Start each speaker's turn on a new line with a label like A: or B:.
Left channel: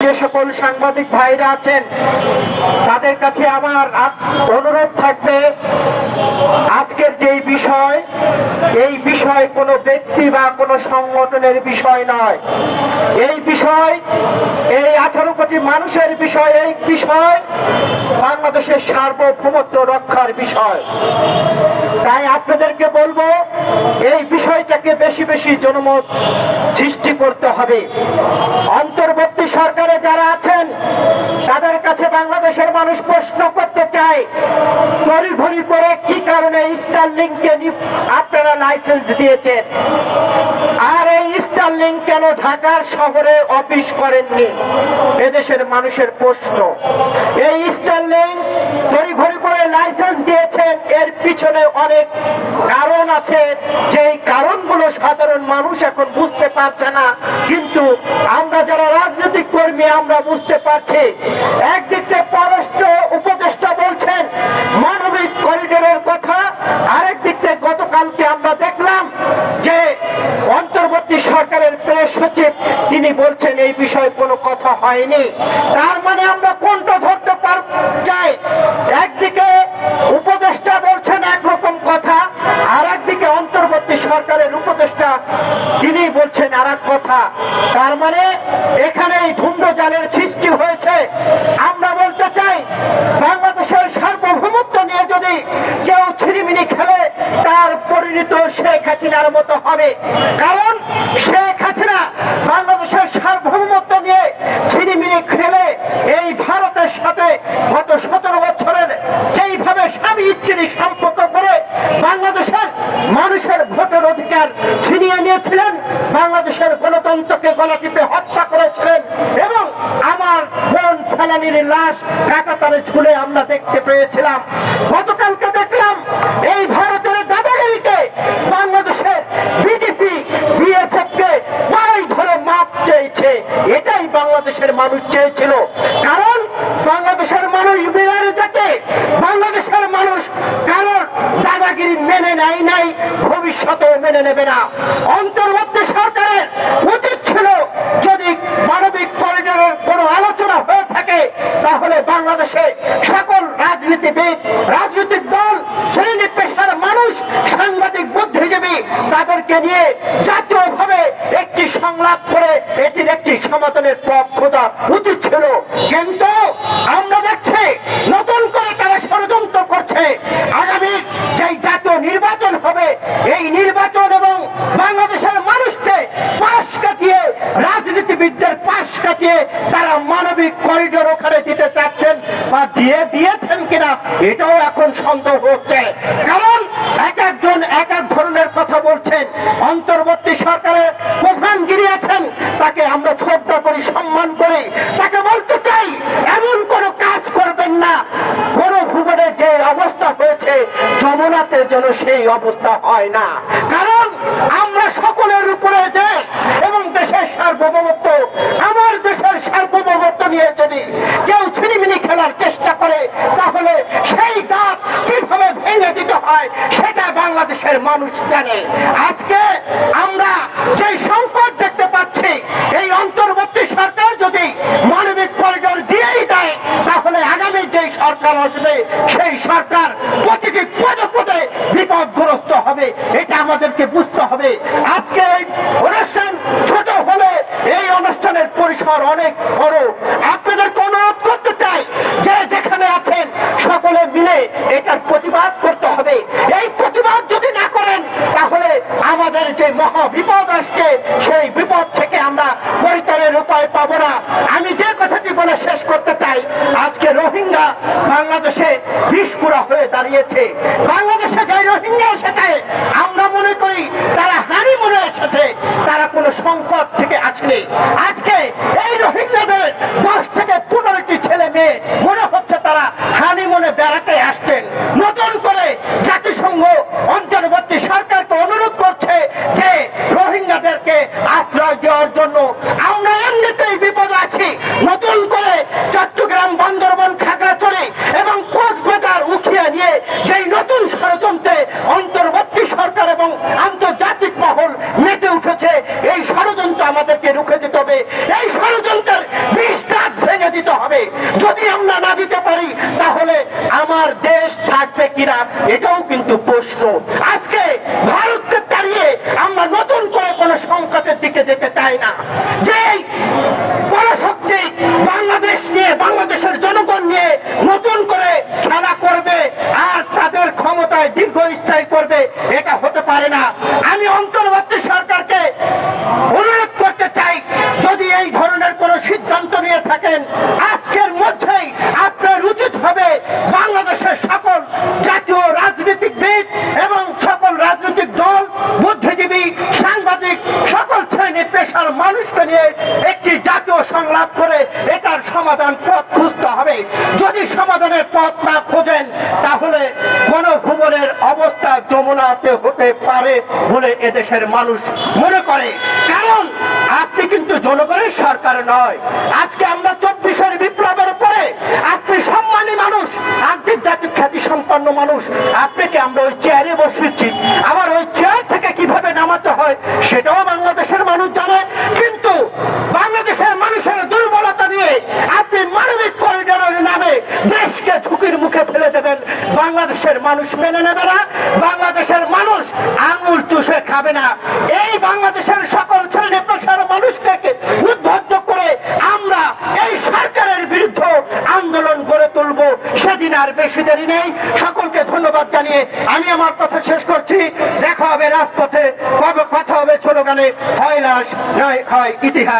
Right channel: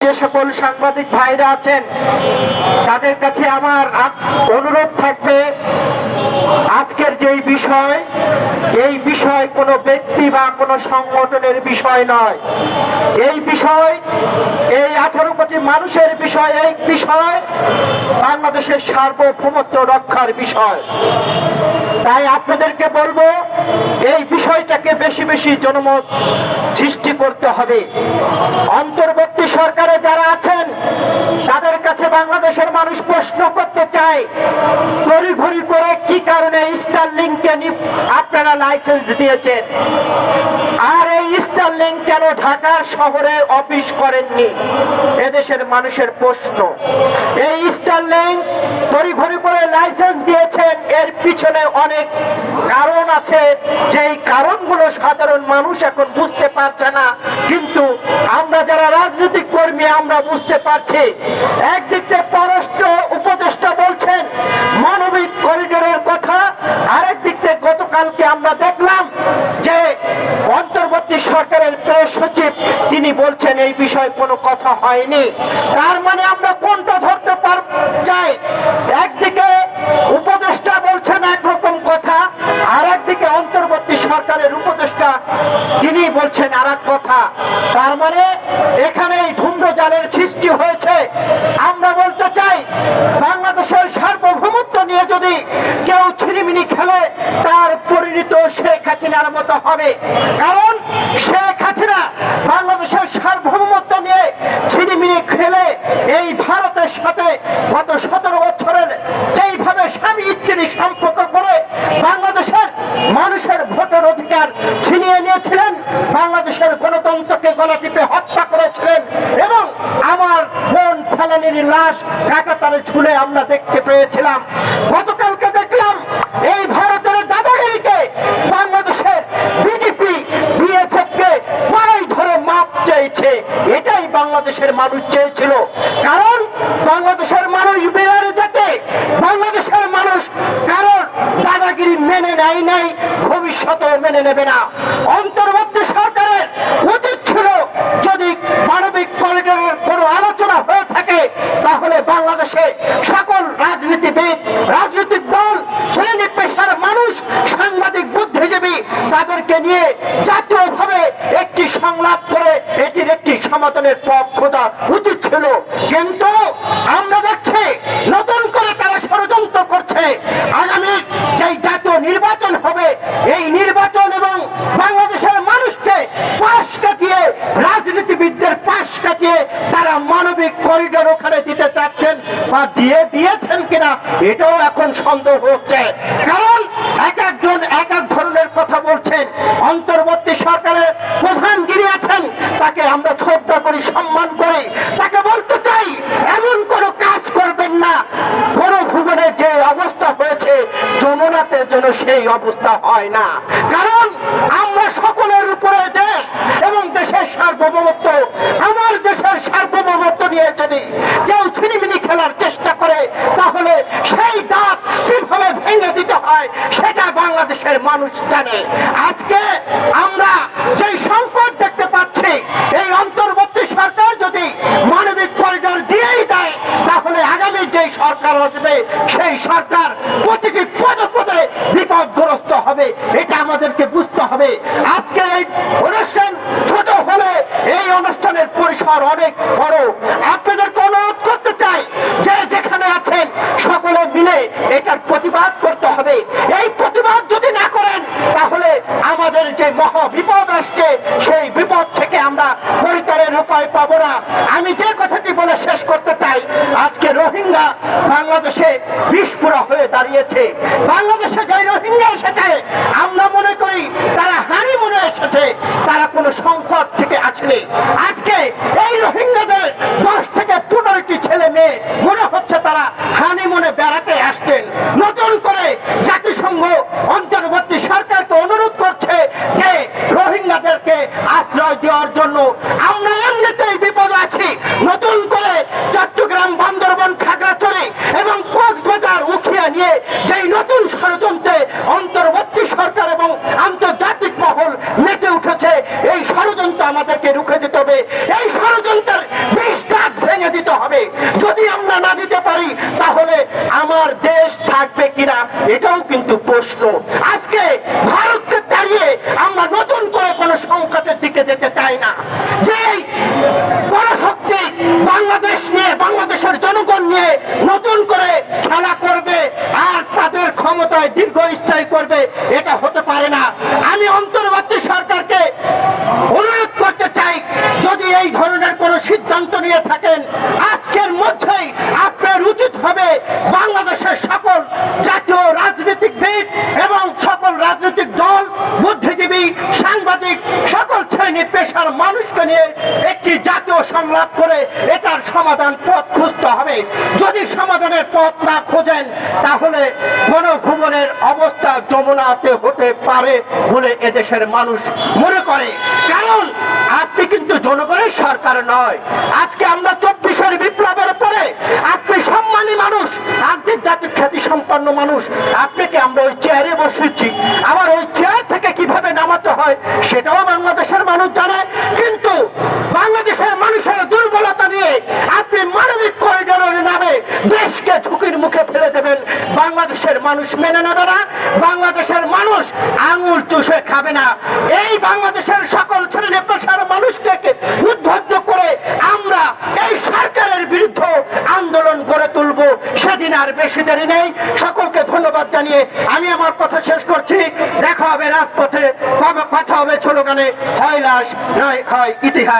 A: যে সকল সাংবাদিক ভাইরা আছেন, তাদের কাছে আমার অনুরোধ থাকবে, আজকের যেই বিষয়, এই বিষয় কোনো ব্যক্তি বা কোনো সংগঠনের বিষয় নয়। এই বিষয়, এই আঠারো কোটি মানুষের বিষয়, এই বিষয় বাংলাদেশের সার্বভৌমত্ব রক্ষার বিষয়। তাই আপনাদেরকে বলব, এই বিষয়টাকে বেশি বেশি জনমত সৃষ্টি করতে হবে। অন্তর্বর্তী সরকারে যারা আছেন, তাদের কাছে বাংলাদেশের মানুষ প্রশ্ন করতে চায়, তড়িঘড়ি করে কি কারণে স্টার স্টারলিংকে আপনারা লাইসেন্স দিয়েছেন? আর স্টারলিং কেন ঢাকার শহরে অফিস করেননি? এদেশের মানুষের প্রশ্ন। এই স্টারলিং তড়িঘড়ি করে লাইসেন্স দিয়েছেন, এর পিছনে অনেক কারণ আছে। যেই কারণগুলো সাধারণ মানুষ এখন বুঝতে পারছে না, কিন্তু আমরা যারা রাজনৈতিক কর্মী, আমরা বুঝতে পারছি। একদিক থেকে পররাষ্ট্র উপদেষ্টা বলছেন, মানবিক করিডোরের কথা, আরেক দিক থেকে গতকালকে আমরা দেখলাম যে অন্তর্বর্তী সরকারের প্রেস সচিব, তিনি বলছেন এই বিষয়ে কোনো কথা হয়নি। তার মানে আমরা কোনটা ধরতে পার, চাই? একদিকে উপদেষ্টা বলছেন একরকম কথা আর একদিকে অন্তর্বর্তী সরকারের উপদেষ্টা, তিনি বলছেন আর কথা। তার মানে এখানে জালের সৃষ্টি হয়েছে। আমরা বলতে চাই, বাংলাদেশের সার্বভৌমত্ব নিয়ে যদি কেউ ছিনিমিনি খেলে, তার পরিণত শেখ হাসিনার মতো হবে। কারণ শেখ হাসিনা বাংলাদেশের সার্বভৌমত্ব নিয়ে ছিনিমিনি খেলে, এই ভারতের সাথে গত সতেরো বছরের যেইভাবে স্বামী স্ত্রী সম্পর্ক করে বাংলাদেশের মানুষের ভোটের অধিকার ছিনিয়ে নিয়েছিলেন বাংলাদেশের গণতন্ত্রকে গলা টিপে হত্যা করেছিলেন এবং আমার বোন ফেলানির লাশ কাকাতারে ঝুলে আমরা দেখতে পেয়েছিলাম। গতকালকে দেখলাম এই ভারতের দাদাগিরিতে বাংলাদেশের বিজেপি বিএসএফ কে পায়ে ধরে মাপ চেয়েছে। এটাই বাংলাদেশের মানুষ চেয়েছিল। কারণ বাংলাদেশের মানুষ বেড়ারে যেতে বাংলাদেশের মানুষ কারণ দাদাগিরি মেনে নেয় নাই, ভবিষ্যতেও মেনে নেবে না। অন্তর্বর্তী সরকারের উচিত ছিল যদি মানবিক করিডোরের কোনো আলোচনা হয়ে থাকে তাহলে বাংলাদেশে সকল রাজনীতিবিদ, রাজনৈতিক দল শ্রেণি পেশার মানুষ, সাংবাদিক, বুদ্ধিজীবী, তাদেরকে নিয়ে জাতীয়ভাবে একটি সংলাপ করে এটির একটি সমাধানের পথ খোঁজা উচিত ছিল। কিন্তু আমরা দেখছি নতুন করে তারা ষড়যন্ত্র করছে। আগামী যেই জাতীয় নির্বাচন হবে, এই নির্বাচন এবং বাংলাদেশের মানুষকে পাশ কাটিয়ে, রাজনীতিবিদদের পাশ কাটিয়ে তারা মানবিক করিডোর ওখানে দিতে চাচ্ছেন বা দিয়ে দিয়েছেন কিনা, এটাও এখন সন্দেহ হচ্ছে। কারণ এক একজন এক এক ধরনের কথা বলছেন। অন্তর্বর্তী সরকারের প্রধান যিনি আছেন, তাকে আমরা শ্রদ্ধা করি, সম্মান করি, তাকে বলতে চাই, এমন কোনো কাজ করবেন না। বড় ভূগোলে যে অবস্থা হয়েছে, যমুনাতে যেন সেই অবস্থা হয় না। কারণ আমরা সকলের উপরে দেশ এবং দেশের সার্বভৌমত্ব, আমার দেশের সার্বভৌমত্ব নিয়ে যদি কেউ ছিনিমিনি খেলার চেষ্টা করে, তাহলে সেই দাঁত কীভাবে ভেঙে দিতে হয় সেটা বাংলাদেশের মানুষ জানে। আজকে আমরা যে সংকট দেখতে পাচ্ছি, এই অন্তর্বর্তী সরকার যদি মানবিক করিডোর দিয়েই দেয়, তাহলে আগামী যে সরকার আসবে, সেই সরকার প্রতিটি হবে, এটা আমাদেরকে বুঝতে হবে। আজকে এই অনুষ্ঠান ছোট হলে এই অনুষ্ঠানের পরিসর অনেক বড়। আপনাদেরকে অনুরোধ করতে চাই যে যেখানে আছেন সকলে মিলে এটার প্রতিবাদ করতে হবে। এই প্রতিবাদ যদি না করেন, তাহলে আমাদের যে মহা বিপদ আসছে, সেই বিপদ থেকে আমরা পরিতরের উপায় পাবো না। আমি যে কথাটি বলে শেষ করতে চাই। আজকে রোহিঙ্গা বাংলাদেশে বিস্ফোরা হয়ে দাঁড়িয়েছে। বাংলাদেশে যে রোহিঙ্গা এসেছে, আমরা মনে করি তারা হানি মনে এসেছে। তারা কোনো সংকট থেকে আসেনি। আজকে এই রোহিঙ্গাদের দশ থেকে পনেরোটি ছেলে মেয়ে, মনে হচ্ছে তারা হানি মনে বেড়াতে আসছেন। নতুন করে জাতিসংঘ অন্তর্বর্তী সরকারকে অনুরোধ করছে যে রোহিঙ্গাদেরকে আশ্রয় দেওয়ার জন্য আমরা এমনিতেই বিপদ আছি নতুন করে চট্টগ্রাম বান্দরবন খাগড়াছড়ি এবং কক্সবাজার উঠিয়ে নিয়ে যেই নতুন ষড়যন্ত্রে অন্তর্বর্তী সরকার এবং আন্তর্জাতিক মহল আমাদেরকে রুখে দিতে হবে। এই ষড়যন্ত্রের বিষটা যদি আমরা না দিতে পারি, তাহলে আমার দেশ থাকবে কিনা, এটাও কিন্তু প্রশ্ন। আজকে ভারতকে তাড়িয়ে আমরা নতুন করে কোনো সংকটের দিকে যেতে চাই না। যে পরাশক্তি বাংলাদেশ নিয়ে, বাংলাদেশের জনগণ নিয়ে নতুন করে খেলা করবে আর তাদের ক্ষমতায় দীর্ঘস্থায়ী করবে এটা হতে পারে না আমি অন্তর্বর্তী সরকারকে অনুরোধ করতে চাই যদি এই ধরনের কোন সিদ্ধান্ত নিয়ে থাকেন। আজকের মধ্যেই আপনার উচিত হবে বাংলাদেশের সকল জাতীয় রাজনীতিকবিদ এবং সকল রাজনৈতিক দল, বুদ্ধিজীবী, সাংবাদিক, সকল শ্রেণি পেশার মানুষকে নিয়ে একটি জাতীয় সংলাপ করে এটার সমাধান পথ খুঁজতে হবে। যদি সমাধানের পথ না খোঁজেন, তাহলে গণভুবনের অবস্থা যমুনাতে হতে পারে বলে এদেশের মানুষ মনে করে। কারণ কিন্তু জনগণের সরকার নয়। আজকে আমরা চব্বিশের বিপ্লবের পরে আপনি সম্মানী মানুষ আন্তর্জাতিক খ্যাতি সম্পন্ন মানুষ, আপনাকে আমরা ওই চেয়ারে বসেছি আবার ওই চেয়ার থেকে কীভাবে নামাতে হয় সেটাও বাংলাদেশের মানুষ জানে। কিন্তু বাংলাদেশের মানুষের দুর্বলতা নিয়ে আপনি মানবিক করিডোরের নামে দেশকে ঝুঁকির মুখে ফেলে দেবেন। বাংলাদেশের মানুষ মেনে নেবে না। বাংলাদেশের মানুষ আঙুল চুষে খাবে না। এই বাংলাদেশের সকল মানুষকে উদ্বুদ্ধ করে আমরা এই সরকারের বিরুদ্ধে আন্দোলন গড়ে তুলব। সেদিন আর বেশি দেরি নেই। সকলকে ধন্যবাদ জানিয়ে আমি আমার কথা শেষ করছি। দেখা হবে রাজপথে। কবে কথা হবে, স্লোগানে হয় লাশ নয় হয় ইতিহাস।